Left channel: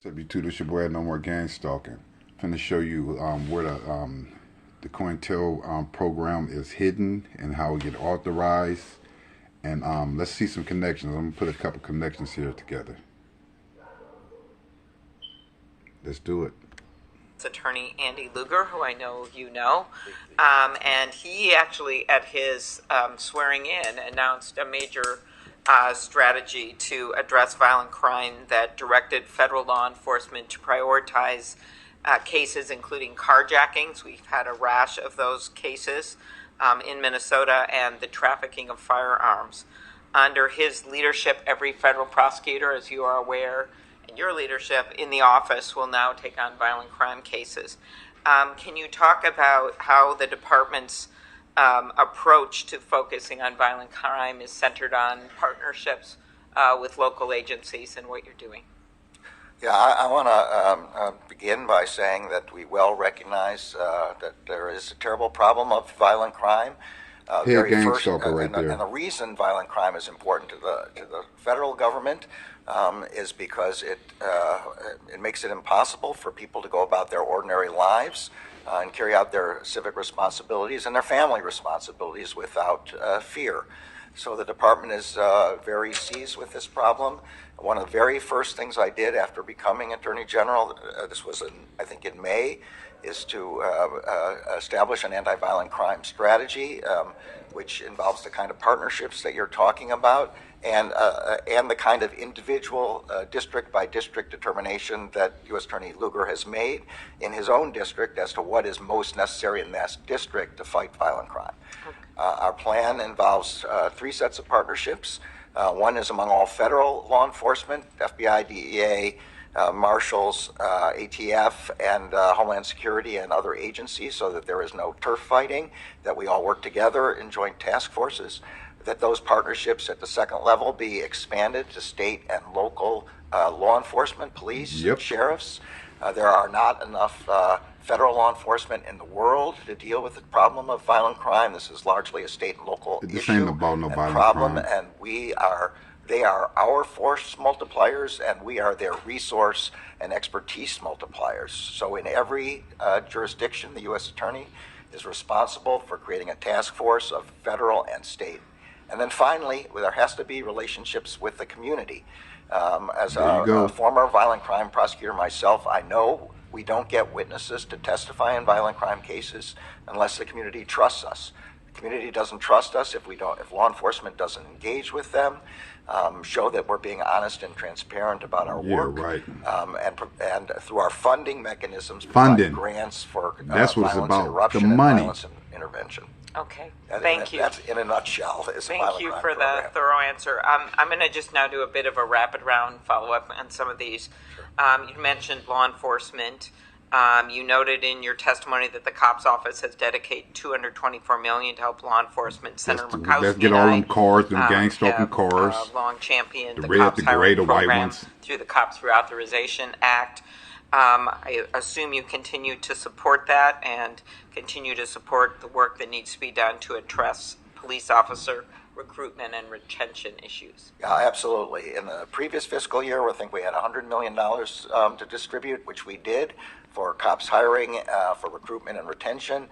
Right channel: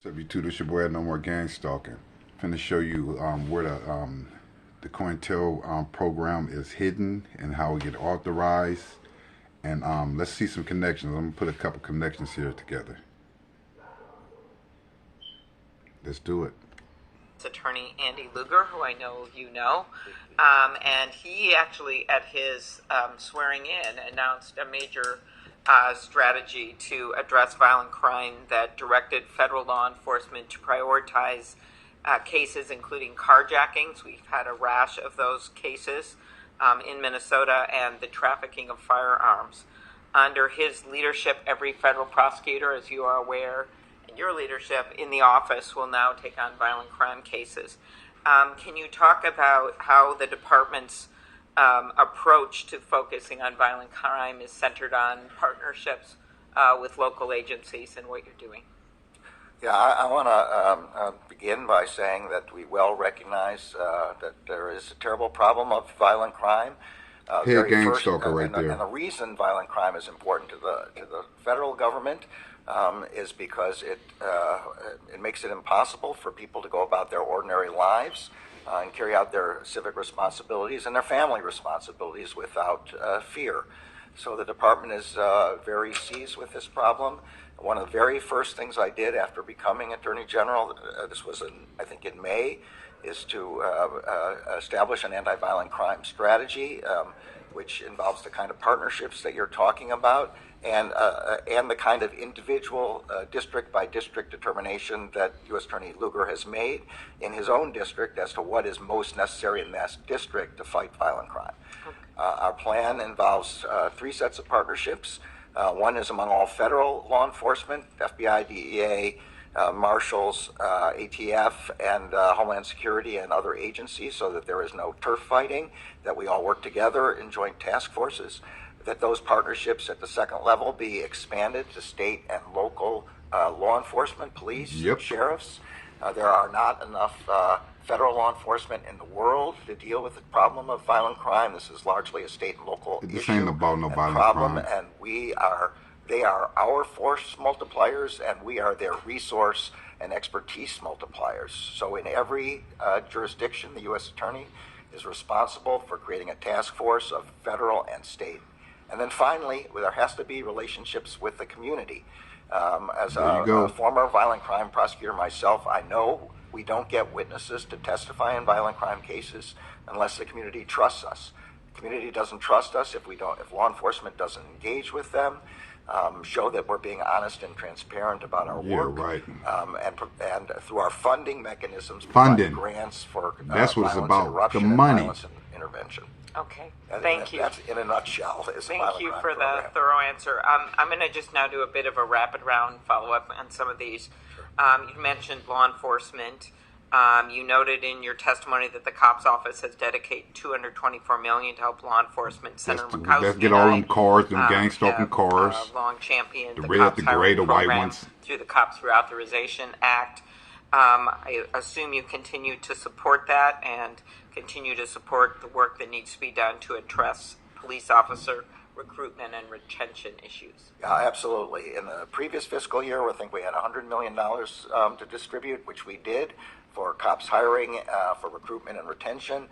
What's up, YouTube? This your boy, No More Gang Stalking. Finna show you where the COINTEL program is hidden and how it get authorized. And let's see some connections. I'm gonna put a couple connections here together. Let's do it. Attorney Andy Luger, who I know you know, and he actually, at his swearing in, announced a major strategy to address violent crime that directed federal law enforcement to prioritize cases including carjackings. We've had a rash of those cases in Minnesota, and the trafficking of firearms. Under his leadership, every federal prosecutor, as you are aware, and your leadership in the office will now take on violent crime cases. Can you talk about how the department's approach to focusing on violent crime is centered on partnerships with local agencies and what you're doing? Yeah, I want to begin by saying that we well recognize that there is a terrible problem of violent crime. Head gang stalker right there. And the reason violent crime is important to the federal government is because it makes it impossible for people to go about their ordinary lives and carry out their civic responsibilities and their family responsibilities without fear. So the department is very seized with this problem. One of the very first things I did after becoming Attorney General, this was I think in May, is to establish an anti-violent crime strategy, which involves the kind of partnerships that you're talking about, and the kind of individual district by district determination that U.S. Attorney Lugar has made in his own district as to what is most necessary in that district to fight violent crime. Our plan involves three sets of partnerships. One is among all federal law enforcement, FBI, DEA, marshals, ATF, and Homeland Security and other agencies, so that there is no turf fighting, that we all work together in joint task forces, that those partnerships at the second level be expanded to state and local law enforcement, police, sheriffs. There are not enough federal law enforcement in the world to deal with the problem of violent crime. This is largely a state and local This ain't about no violent problem, crime. and they are our force multipliers, and we are their resource and expertise multipliers. So in every jurisdiction, the U.S. Attorney is responsible for creating a task force of federal and state. And then finally, there has to be relationships with the community. As a former violent crime prosecutor myself, I know we don't get witnesses to testify in violent crime cases unless the community trusts us. The community doesn't trust us if law enforcement doesn't engage with them, show that we're being honest and transparent about our work, right. and through our funding mechanisms, funding grants for that's what it's about, the and money. Violence and intervention. Okay, thank you. That's in a nutshell. Thank you for the thorough answer. I'm going to just now do a bit of a rapid round follow-up on some of these. You mentioned law enforcement. You noted in your testimony that the COPS office has dedicated $224 million to help law enforcement. Senator Murkowski, let's get all them cars, them gang stalking cars. Long championed the red, red, the gray, the white program ones through the COPS Reauthorization Act. I assume you continue to support that and continue to support the work that needs to be done to address police officer recruitment and retention issues. Yeah, absolutely. In the previous fiscal year, I think we had $100 million to distribute, which we did for cops hiring, for recruitment and retention.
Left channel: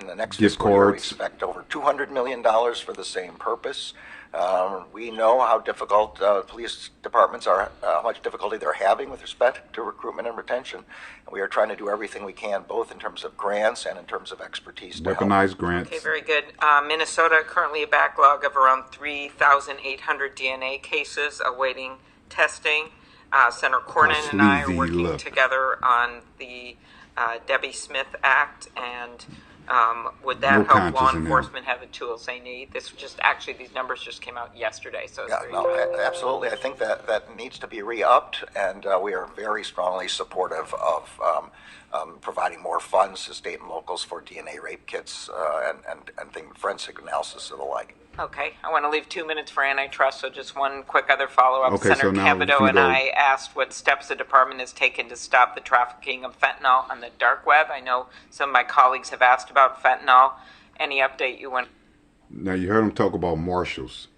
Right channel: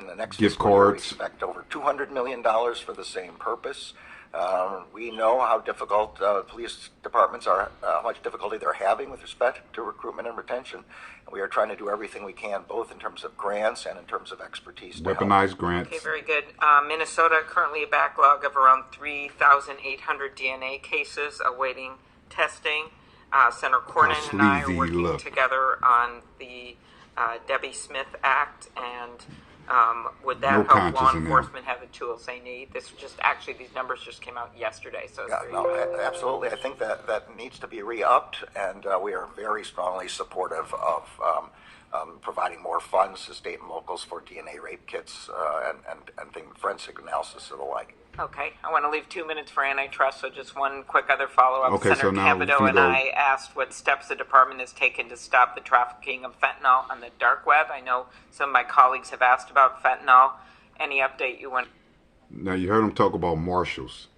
In the next fiscal year, we expect over $200 million for the same purpose. We know how difficult police departments are, how much difficulty they're having with respect to recruitment and retention. And we are trying to do everything we can, both in terms of grants and in terms of expertise. Weaponized grants. Okay, very good. Minnesota, currently a backlog of around 3,800 DNA cases awaiting testing. Senator Cornyn and I are working together on the Debbie Smith Act, and would that help law enforcement have the tools they need? These numbers just came out yesterday, so absolutely. I think that needs to be re-upped, and we are very strongly supportive of providing more funds to state and locals for DNA rape kits and forensic analysis and the like. Okay, I want to leave 2 minutes for antitrust, so just one quick other follow-up. Okay, Senator Capito and I asked what steps the department has taken to stop the trafficking of fentanyl on the dark web. I know some of my colleagues have asked about fentanyl. Any update you want? Now, you heard him talk about marshals.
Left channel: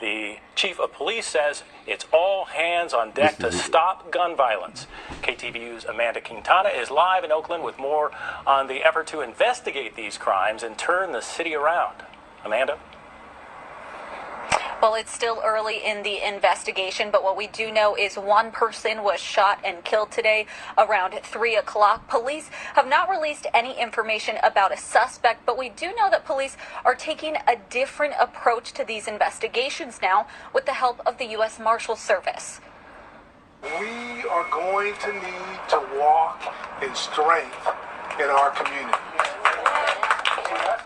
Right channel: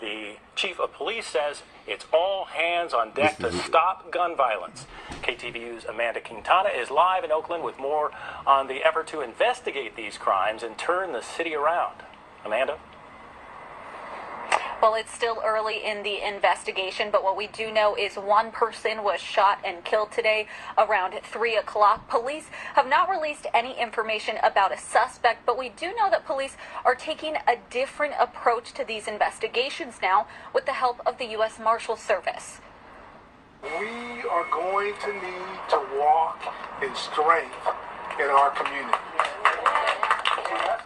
The chief of police says it's all hands on deck to stop gun violence. KTVU's Amanda Quintana is live in Oakland with more on the effort to investigate these crimes and turn the city around. Amanda? Well, it's still early in the investigation, but what we do know is one person was shot and killed today around 3 o'clock. Police have not released any information about a suspect, but we do know that police are taking a different approach to these investigations now with the help of the U.S. Marshal Service. We are going to need to walk in strength in our community.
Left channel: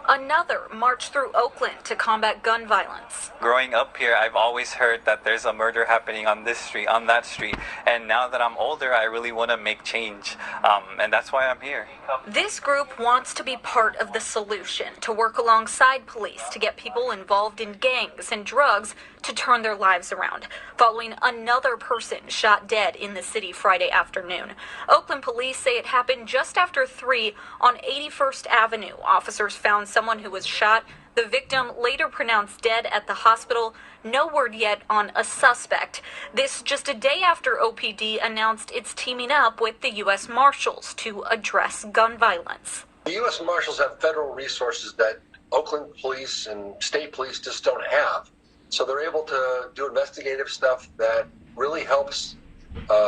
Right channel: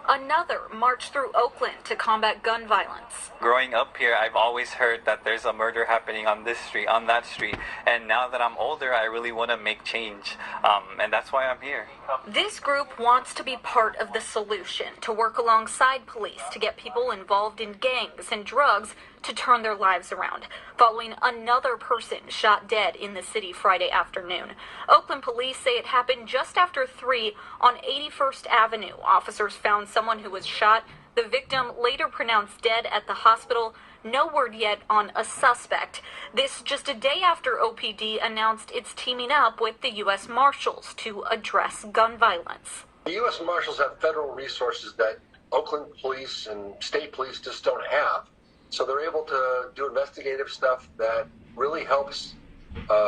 Another march through Oakland to combat gun violence. Growing up here, I've always heard that there's a murder happening on this street, on that street. And now that I'm older, I really want to make change. And that's why I'm here. This group wants to be part of the solution, to work alongside police to get people involved in gangs and drugs to turn their lives around, following another person shot dead in the city Friday afternoon. Oakland police say it happened just after 3 on 81st Avenue. Officers found someone who was shot. The victim later pronounced dead at the hospital. No word yet on a suspect. This just a day after OPD announced it's teaming up with the U.S. Marshals to address gun violence. The U.S. Marshals have federal resources that Oakland police and state police just don't have. So they're able to do investigative stuff that really helps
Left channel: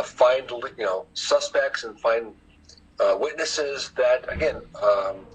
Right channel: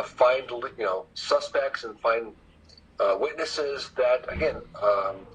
find, suspects and find witnesses that, again,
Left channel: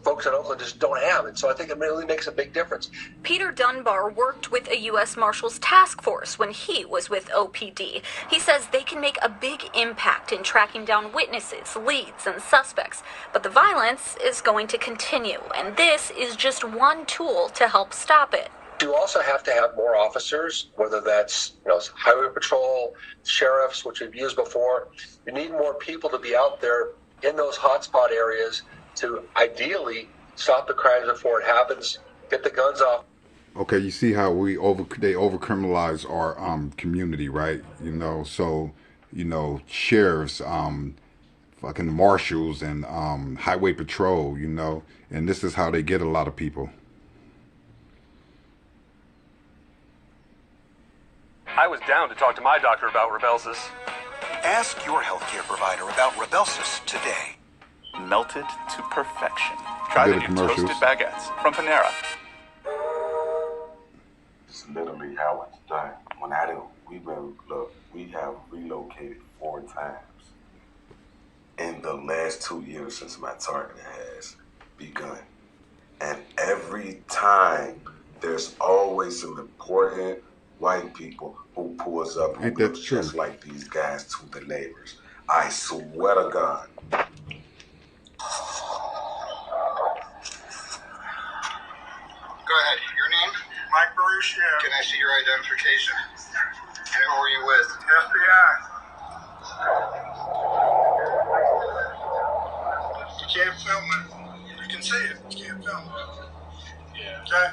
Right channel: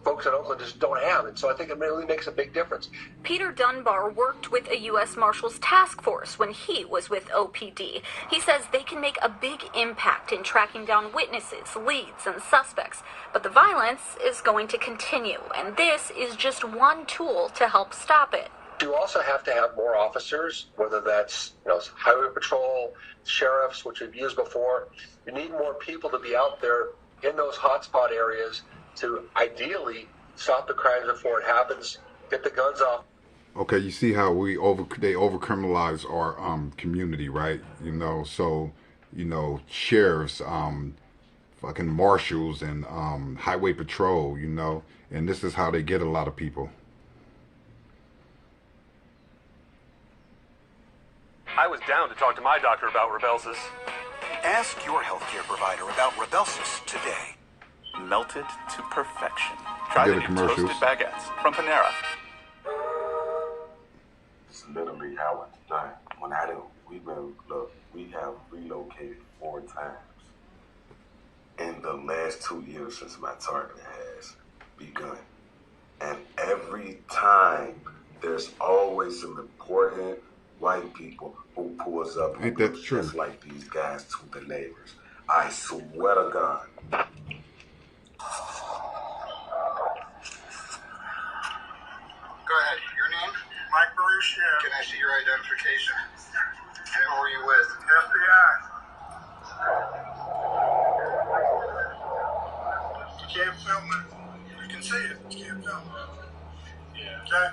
folks in Oakland just don't have. And so I think it really makes a big difference. Peter Dunbar worked with a U.S. Marshals task force when he was with OPD. He says they can make a big impact in tracking down witnesses, leads, and suspects. But the violence is going to continue, and this is just one tool to help stop it. You also have to have more officers, whether that's highway patrol, sheriffs, which we've used before. You need more people to be out there in those hotspot areas to ideally stop the crimes before it happens, get the guns off. Okay, you see how they overcriminalize our community, right? So sheriffs, fucking marshals, and highway patrol, and this is how they get a lot of people. I was down to talk to my doctor about Rybelsus. Ask your healthcare provider about Rybelsus today. Melted to perfection. Try the new toasted baguettes from Panera. It's literally how it's done. When I do, we have relocated 4 times in the last 2 years since my target has begun. And every time, there's always some important white people who pulls up and looks just like these guys to the neighbors. I swear to God. Go ahead. Your name? Mike Baruchio. Can I see your identification? And who are you with? FBI. You can't film it. You can see it. You can't film it. Yeah. Okay?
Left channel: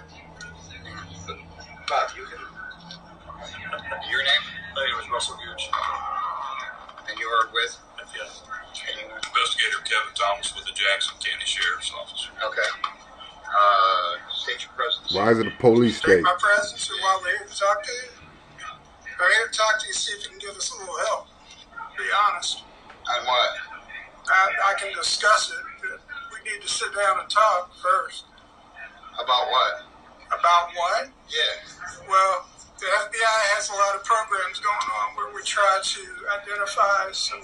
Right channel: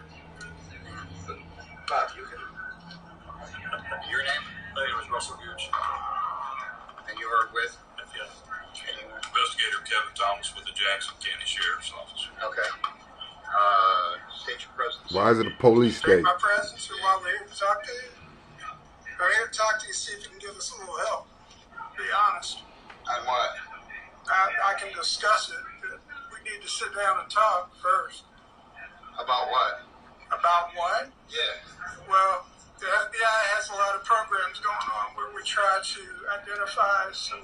Bob, you can. Your name? My name is Russell Gooch. And you are with? Yes. Investigator Kevin Thomas with the Jackson County Sheriff's Office. Okay. State your presence. Why is it a police state? My presence and why we're here to talk to you. We're here to talk to you, see if you can give us a little help. Be honest. On what? I can discuss it, but we need to sit down and talk first. About what? About what? Yeah. Well, the FBI has a lot of programs going on where we try to identify some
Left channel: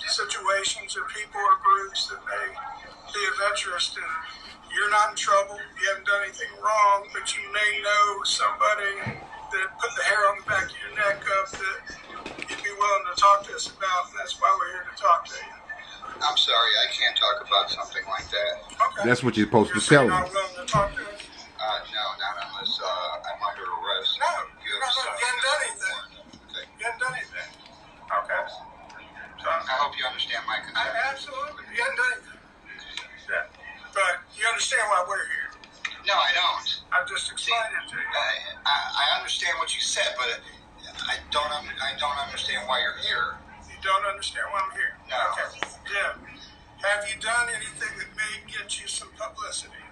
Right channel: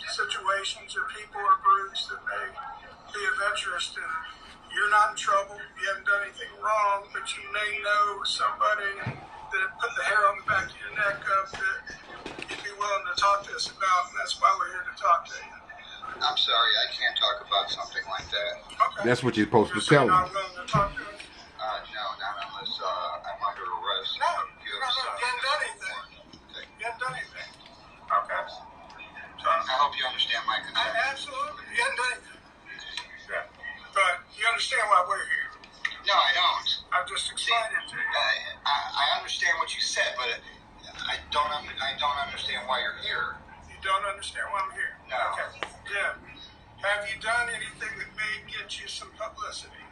situations or people or groups that may be of interest. And you're not in trouble. You haven't done anything wrong, but you may know somebody that put the hair on the back of your neck up that you'd be willing to talk to us about. And that's why we're here to talk to you. I'm sorry, I can't talk about something like that. Okay. That's what you're supposed to tell them. You're not willing to talk to us? No, not unless I'm under arrest. No, you haven't done anything. You haven't done anything. Okay. I hope you understand my concern. Absolutely. You haven't done anything. Yeah. But you understand why we're here. No, I don't. I'm just explaining it to you. I understand what you said, but I don't understand why you're here. You don't understand why I'm here? No. Okay. Yeah. Have you done anything that may get you some publicity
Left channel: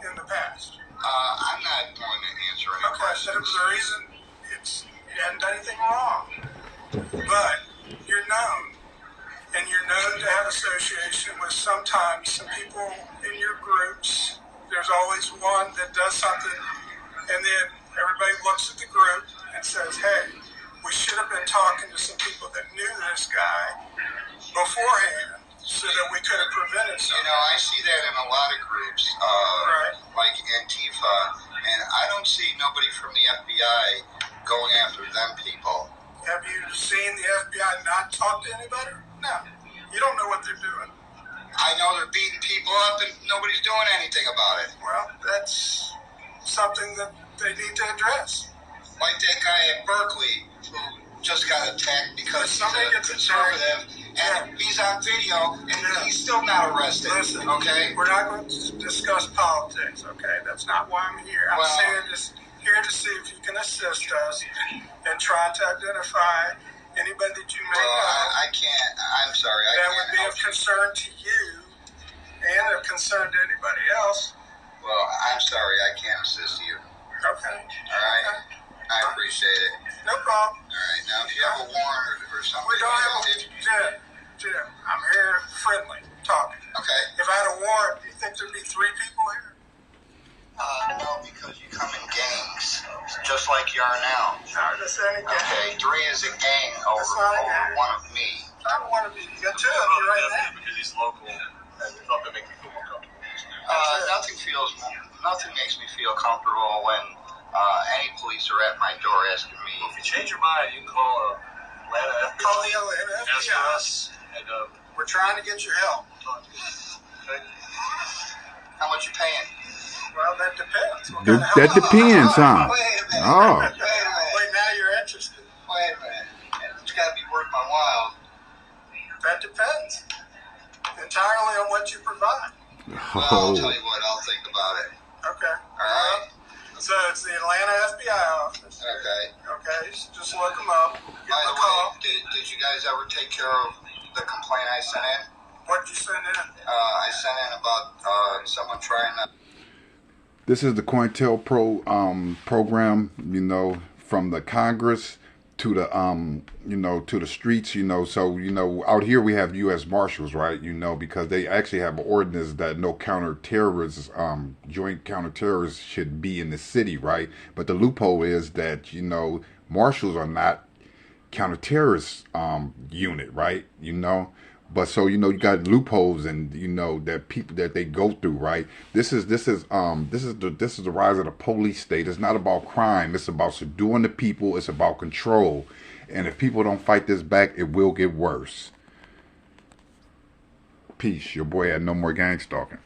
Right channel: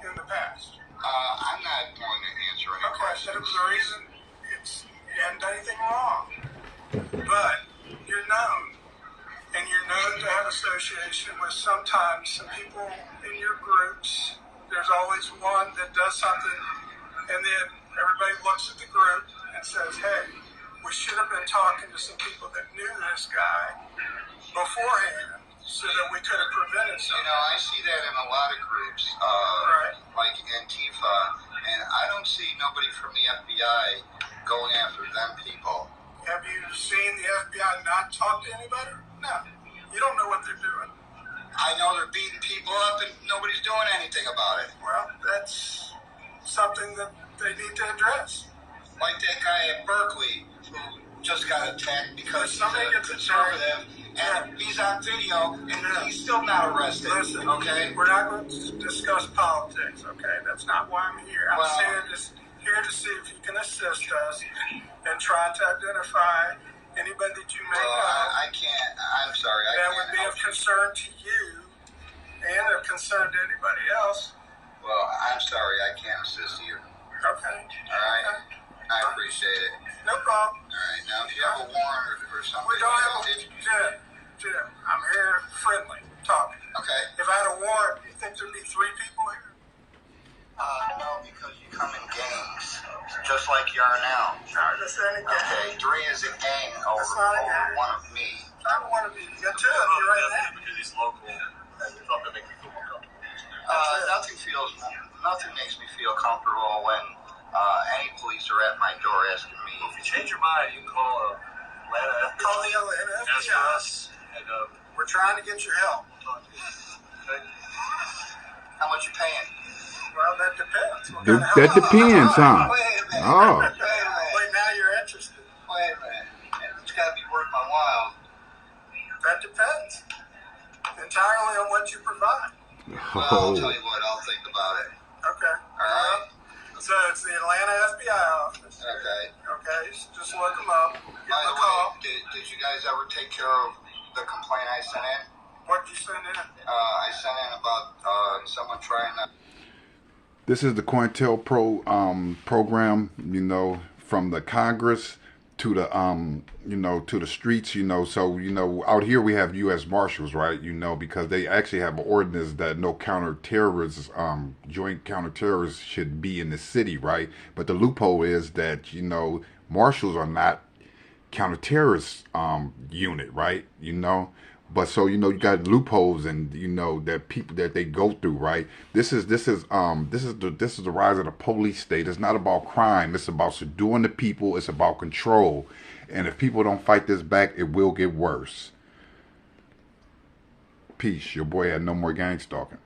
in the past? I'm not going to answer any questions. Okay, so the reason you hadn't done anything wrong, but you're known. And you're known to have association with sometimes some people in your groups. There's always one that does something, and then everybody looks at the group and says, hey, we should have been talking to some people that knew this guy beforehand so that we could have prevented something. You know, I see that in a lot of groups, like Antifa, and I don't see nobody from the FBI going after them people. Have you seen the FBI not talk to anybody? No. You don't know what they're doing. I know they're beating people up and nobody's doing anything about it. Well, that's something that they need to address. Like that guy at Berkeley who just got attacked because he's a conservative and he's on video and he's still not arrested. Listen, okay? We're not going to discuss politics, okay? That's not why I'm here. I'm saying this here to see if you can assist us in trying to identify anybody that you may know. I can't. I'm sorry. That would be of concern to you and of concern to anybody else. Well, I'm sorry. I can't assist you. Okay. All right. Okay. I appreciate it. No problem. All right. Now, if you have a warrant or something. We don't have a Jim, I'm here friendly, talking. Okay. If I had a warrant, do you think there'd be 3 people here? No, because you come in gangs, just like you are now. No, this ain't a gang. Okay, 3 is a gang over one of me. I don't want to be. You got 2 of you right now. Because he's local, and we thought that make you feel more comfortable. Nothing makes me feel comfortable when any police are at my door asking me. Well, if you change your mind, you can call Atlanta FBI. Call the Atlanta FBI. Ask for us, and we're trying to get your help. Okay. How much you paying? Well, that depends. That depends, huh? Wait a minute. Oh. Wait, now you're interested. Wait a minute. It's got to be worth my while. That depends. Entirely on what you provide. Well, I'll tell you what. I'll think about it. Okay. All right. So it's the Atlanta FBI office. Okay. Okay. Just look them up. By the way, did you guys ever take care of the complaint I sent in? What did you send in? I sent in about someone trying to. This is the COINTELPRO program, you know, from the Congress to the you know, to the streets, you know. So, you know, out here we have U.S. Marshals, right? You know, because they actually have an ordinance that no counterterrorists, joint counterterrorists should be in the city, right? But the loophole is that, you know, marshals are not counterterrorist unit, right? You know. But so, you know, you got loopholes and, you know, that people that they go through, right? This is the rise of the police state. It's not about crime. It's about subduing the people. It's about control. And if people don't fight this back, it will get worse. Peace. Your boy had no more gang stalking.